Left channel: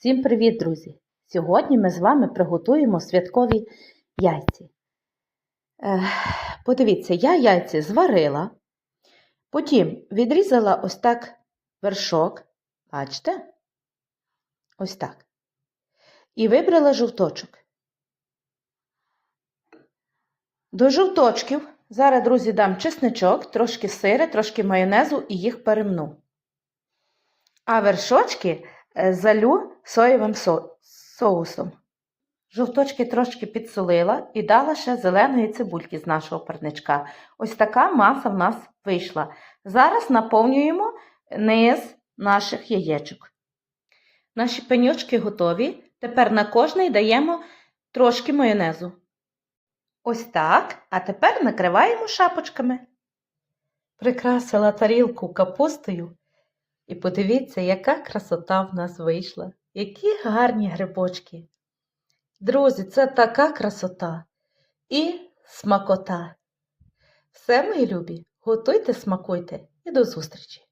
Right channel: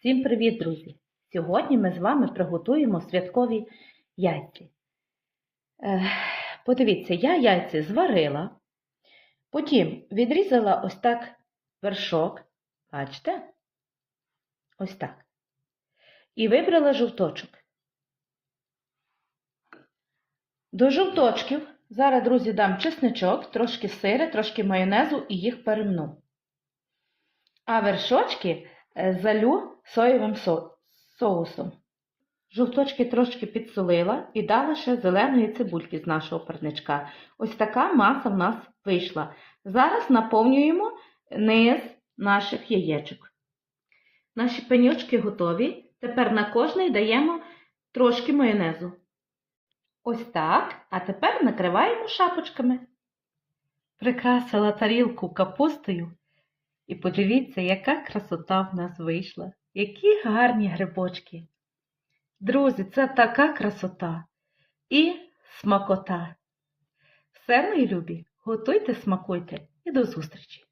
Всім привіт, друзі! Сьогодні ми з вами приготуємо святкові яйці. Подивіться, я яйці зварила, потім відрізала ось так вершок, бачите? Ось так. І вибрала жовточок. До жовточків зараз, друзі, дам чесничок, трошки сири, трошки майонезу і їх перемну. А вершочки залю соєвим со- соусом. Жовточки трошки підсолила і дала ще зеленої цибульки з нашого парничка. Ось така маса в нас вийшла. Зараз наповнюємо низ наших яєчок. Наші пеньочки готові. Тепер на кожний даємо трошки майонезу. Ось так. А тепер накриваємо шапочками. Прикрасила тарілку капустою. І подивіться, яка красота в нас вийшла. Які гарні грибочки. Друзі, це така красота і смакота. Все, мої любі, готуйте, смакуйте і до зустрічі!